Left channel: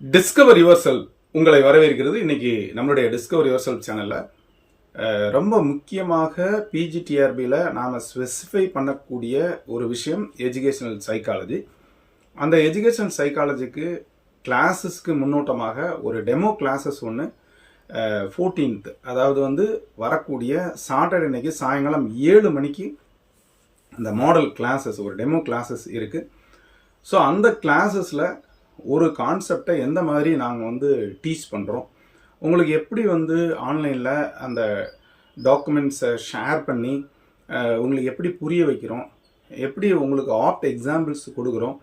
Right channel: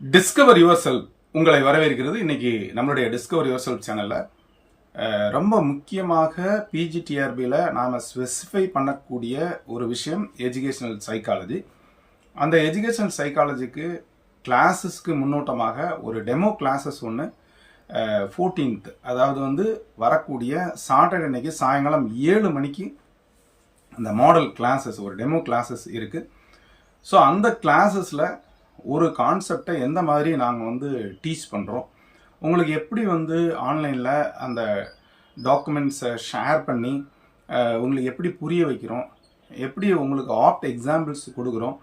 Discover your self உங்களை வரவேற்கிறது. இன்னைக்கு நம்மளுடைய டிஸ்கவர் யுவர் செல்ஃப் சேனல்ல ரொம்ப முக்கியமாக பிஜிடிஆர்பியில் நாம் ஸ்பெசிஃபை பண்ணக்கூடிய ஒரு விஷயம் எஜுகேஷனல் சைக்காலஜி. அந்த எஜுகேஷனல் சைக்காலஜிக்கு கிளாஸஸ்க்கு முன்னோட்டமாக ஒரு டெமோ கிளாஸஸ் ஒன்று 14th, அதாவது வரக்கூடிய சாட்டர்டே அன்னைக்கு சாயங்காலம் 7 மணிக்கு அந்த மாடல் கிளாஸஸ், ஒரு டெமோ கிளாஸஸ் இருக்குது. ஸோ அந்த கிளாஸஸில் ஒரு கான்செப்டை எந்த மாதிரி நாங்கள் டீச் பண்ணுறோம், உங்களுக்கு எப்படி ஆன்லைனில் அந்த டாக்குமெண்ட்ஸை ஷேர் பண்ணி உங்களுக்கு எப்படி புரிய வைக்கிறோம், எப்படி உங்களுக்கு ஆப்ட் எக்ஸாம்பிள்ஸ் கொடுக்குறோம்,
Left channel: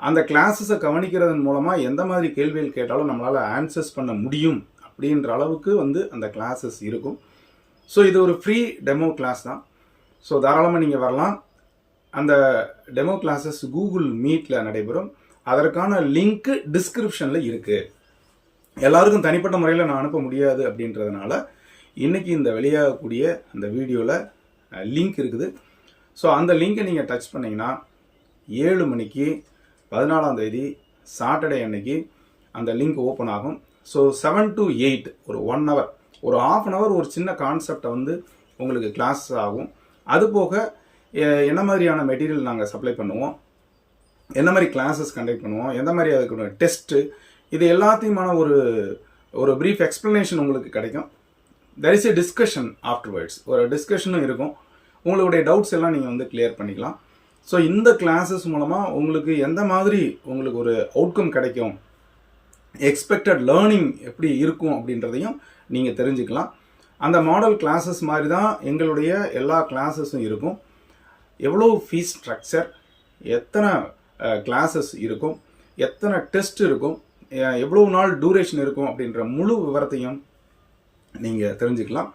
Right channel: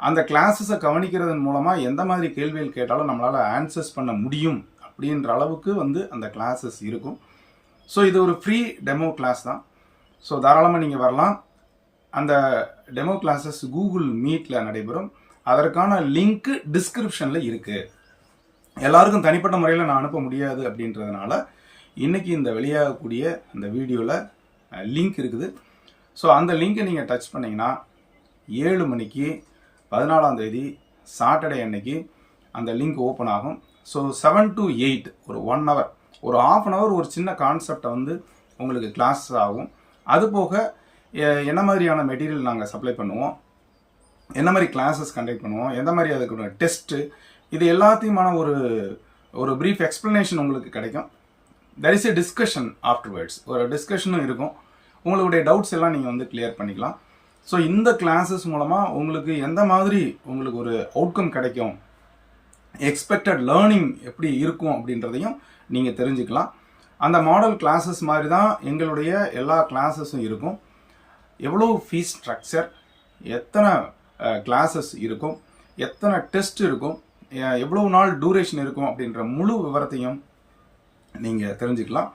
அந்த கிளாஸஸை கவனிக்கிறதன் மூலமாக எந்த மாதிரி கேள்விகள் கேட்டாலும் நம்மளால் ஆன்சர்ஸ் பண்ண முடியும் அப்படின்ற அளவுக்கு அந்த கிளாஸஸ் இருக்கும். ஸோ இது ஒரு ஃப்ரீ டெமோ கிளாஸ் தான். ஸோ தாராளமாக நீங்கள் வரலாம். அந்த டெமோ கிளாஸஸ் கூகுள் மீட்டில் நடைபெறும். அதற்கான லிங்க்கு டிஸ்கிரிப்ஷனில் இருக்குது. எல்லாருக்கும் தனிப்பட்ட முறையில் நான் அனுப்ப முடியாது அப்படின்றதுனால இன்றைக்கி இந்த வெளியாகக்கூடிய அந்த வீடியோவில் லிங்க் இருக்குது. ஸோ அந்த லிங்க்கை நீங்கள் டச் பண்ணிங்கன்னா 7 மணிக்கு 14ஆம் தேதி சாட்டர்டே அன்னைக்கு அந்த லிங்க் ஓப்பன் ஆகும். ஸோ 7 to 8 ஒரு 1 hour, ஒரு ½ an hour ஒரு சின்ன கான்செப்டை உங்களுக்கு கிளாஸ் ஆகும். அது போக என்ன மாதிரியான மெட்டீரியல் நாங்கள் சப்ளை பண்ணுவோம், என்ன மாதிரி கிளாஸஸ் கண்டக்ட் பண்ணுவோம், எந்த மாதிரி அதுக்கு டெஸ்ட்டு, இது எல்லாத்தையுமான ஒரு ப்ரீஃப் எக்ஸ்ப்ளனேஷன் உங்களுக்கு கிடைக்கும். There is a discussion afterwards, ஒரு டிஸ்கஷனும் இருக்கும். உங்களுடைய டவுட்ஸ் எல்லாம் நீங்கள் கிளியர் பண்ணிக்கலாம். ஸோ இந்த கிளாஸஸ் மூலமாக உங்களுக்கு எந்த மாதிரி உங்களுக்கு ஒரு அவுட்கம் கிடைக்கும், எக்ஸ்பெக்டட் லேர்னிங் எப்படி இருக்கும் அப்படின்றதையும் நீங்கள் தெரிஞ்சுக்கலாம். அந்த மாடல் கிளாஸஸ் மாதிரி தான் எங்களுடைய எல்லா கிளாஸஸும் இருக்கும். எவ்வளோ ஃபீஸ் ஸ்ட்ரக்சர், எத்தனை கிளாஸஸ் இருக்கும், எத்தனை டெஸ்ட் இருக்கும், எவ்வளோ நாள் டூரேஷன் இருக்கும் அப்படின்ற முழு விவரத்தையும் நீங்கள் தெரிஞ்சுக்கலாம்.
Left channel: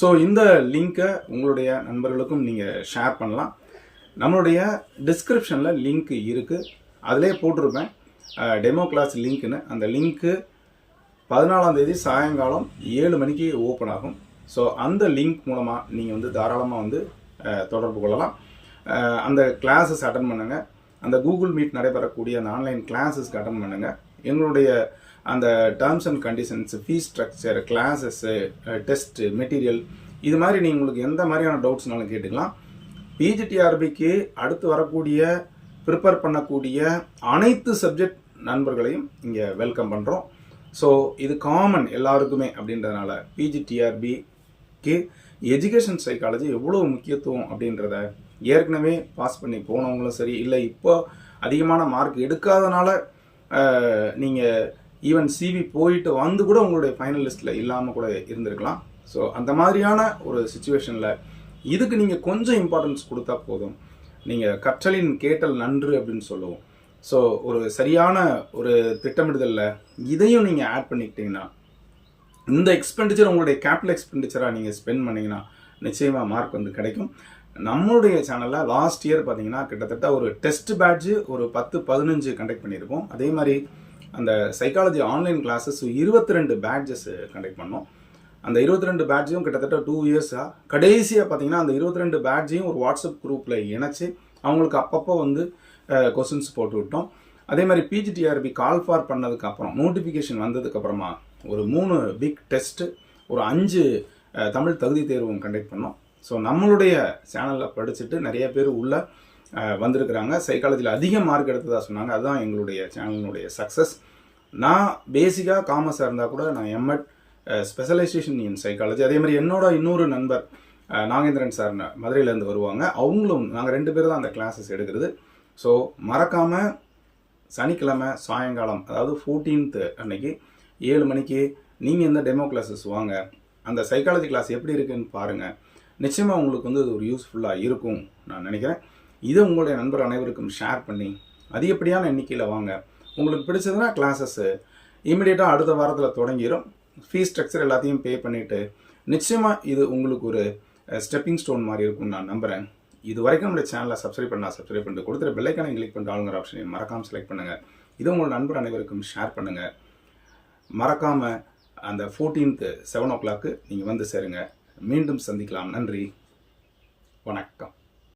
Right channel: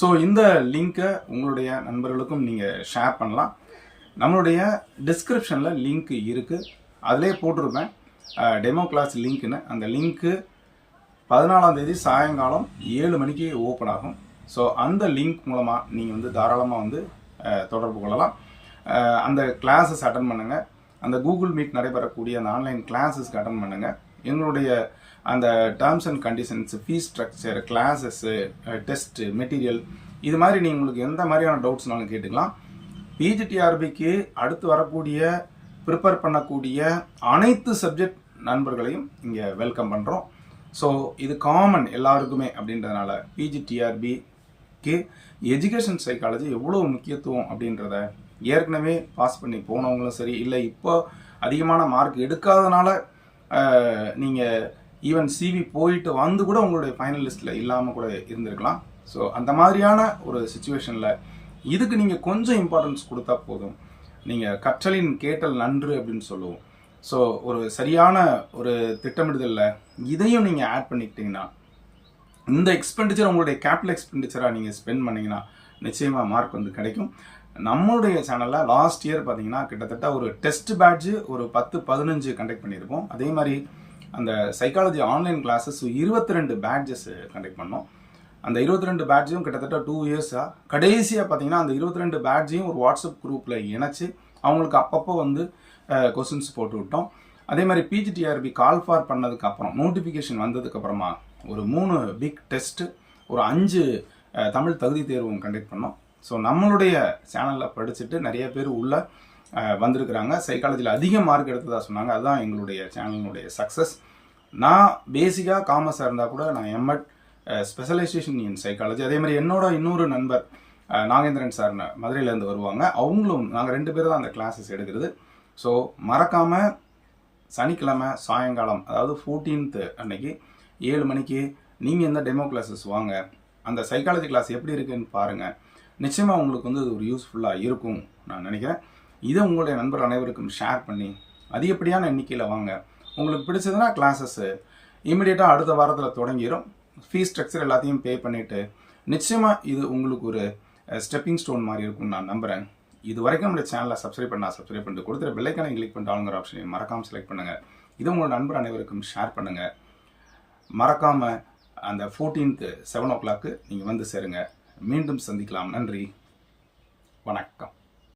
ஸோ இந்த லிங்க்கை உங்களுடைய நண்பர்களுக்கும் நீங்கள் ஷேர் பண்ணலாம். நம்மளுடைய டிஸ்கிரிப்ஷனில் லிங்க் இருக்குது, அதிலே போட்டிருப்பேன் டெமோ கிளாஸ் லிங்க்னு. அந்த லிங்க்கு 14ஆம் தேதி சாயங்காலம் 7 மணிக்கு ஓப்பன் ஆகும். ஸோ அந்த லிங்க் மூலமாக நீங்கள் தாராளமாக தொடர்பு கொள்ளலாம். அந்த கிளாஸஸ் அட்டன் பண்ணுங்கள். அந்த கூகுள் மீட் நடைபெறக்கூடிய அந்த ஆன்லைன் கிளாஸஸ்க்கு அட்டன் பண்ணுங்கள். எங்களுடைய அந்த terms and conditions, fees structure, classes, test, material, இது மாதிரி நீங்கள் உங்களுக்கு எந்த மாதிரியான டவுட்ஸ்னாலும் கேட்டுக்கலாம். பிஜிடிஆர்பிக்கு அடுத்து வரக்கூடிய ப்ரிப்பேர் பண்ணக்கூடிய அனைத்து சப்ஜெக்ட் நண்பர்களையும் இங்கே வெல்கம் பண்ணுறோம். ஸோ இது காமன் எல்லாருக்குமே அப்படின்றதுனால பிஜிடிஆர்பிக்கு எஜுகேஷன் சைக்காலஜி எவ்வளோ முக்கியத்துவம் அப்படின்றத ஏற்கனவே பாஸ் பண்ணி போனவங்களும் சரி, இல்லை இப்போ அதிகமான மார்க் எடுக்காதனால நீங்கள் ஈவன் சிவி போயிட்டு கூட உங்களுடைய ஃபைனல் லிஸ்ட்டில் இல்லாமல் கூட இருந்திருக்கலாம். ஸோ அந்த மாதிரியான ஒரு சுச்சுவேஷனில் இதுக்கு நீங்கள் கொஞ்சம் இம்பார்ட்டன்ஸ் கொடுத்தா போதும். நீங்கள் கற்றலின் கேட்டல் நன்று அப்படின்னு சொல்லுவோம். ஸோ ஒரு சரியான ஒரு திட்டமிடுதலில் இதையும் நீங்கள் ஆட் பண்ணிக்கிட்டீங்கன்னா, இந்த எக்ஸ்பெண்டிச்சர் உங்களுடைய கேபிட்டல் எக்ஸ்பெண்டிச்சராக நீங்கள் ஸ்பெண்ட் பண்ணிங்கன்னா நிச்சயமாக மார்க் கிடைக்கும். நம்மளுடைய சேனலில் லாஸ்ட் இயர் பார்த்தீங்கன்னா கிட்டத்தட்ட ஒரு டெஸ்ட் பேட்ச் ஒரு 10-15 கண்டக்ட் பண்ணியிருக்கோம். அதே மாதிரி அந்த psychology online classes 22 patches conduct பண்ணோம். அந்த 22 பேட்சையும் கிட்டத்தட்ட 2 இயர்ஸாக கடைசியாக பார்த்தீங்கன்னா அந்த 22 பேட்சையும் ஒரு வாட்ஸ்அப் குரூப்பில் இணைச்சி அவங்களுக்கு அப்பப்போ கொஸ்டின்ஸ் போட்டு விட்டோம். அதே மாதிரி பிஜிடிஆர்பி கால் ஃபார் பண்ணதுக்கப்புறம், நோட்டிஃபிகேஷன் வந்ததுக்கப்புறமா ஒரு 3 பிக் டெஸ்ட்டு, ஒரு 5 தமிழ் தகுதி தேர்வும் கண்டக்ட் பண்ணோம். ஸோ நம்மளுடைய சேனலில் படிச்சுட்டு நிறைய பேர் உள்ள வந்திருக்கிறாங்க. சைக்காலஜியில் அதிக மார்க் எடுத்ததாக சொன்னாங்க. அதுதான் எங்களுடைய சேனலினுடைய சக்ஸஸ். நான் பேசிக்காக காமர்ஸாக இருந்தால் கூட நான் எம்எட் ஸ்பெஷலைசேஷன் இன் சைக்காலஜி. அதே மாதிரி என்னோட இன்னொரு நண்பர் நாகேந்திரன் சார் மதுரையிலேருந்து வருவாங்க. அவங்களும் நாங்கள் 2 பேர் தான் அந்த கிளாஸஸ் எடுக்கிறது. ஸோ மறக்காமல் சனிக்கிழமை சாயங்காலம், அதாவது 14th அன்னைக்கு 7 மணிக்கு நீங்கள் இந்த டெமோ கிளாஸஸ் வாங்க. அந்த சைக்காலஜி கிளாஸ் எப்படி இருக்குன்னு பாருங்கள். நிச்சயமாக உங்களுக்கு அது ஒரு யூஸ்ஃபுல்லாக இருக்கும் நான் நினைக்கிறேன். இதை உங்களுடைய நண்பர் அனைவருக்கும் ஷேர் பண்ணி அதிகப்படியான எண்ணிக்கையில் வாங்க. உங்களுக்கு பிடிச்சதுன்னா கிளாஸஸ் இமீடியட்டாக அடுத்த வாரத்தில் தொடங்கிடும். ஃபீஸ் ஸ்ட்ரக்சர் எல்லாத்தையும் பே பண்ணிவிட்டு நிச்சயமாக இது உங்களுக்கு ஒரு ஸ்டெப்பிங் ஸ்டோன் மாதிரி இருக்கும்னு நான் நம்புகிறேன். இது வரைக்கும் நம்மளுடைய சேனலை சப்ஸ்கிரைப் பண்ணிட்டு கொடுத்துற பெல்லைக்கானை கிளிக் பண்ணிட்டு ஆளுங்கிற ஆப்ஷனை மறக்காமல் செலக்ட் பண்ணுங்கள். இதை உங்களோட நண்பர் அனைவருக்கும் ஷேர் பண்ணுங்கள். மறக்காமல் அந்த 14th 7 o'clock நீங்கள் சேருங்க. மீண்டும் சந்திக்கலாம். நன்றி, வணக்கம்.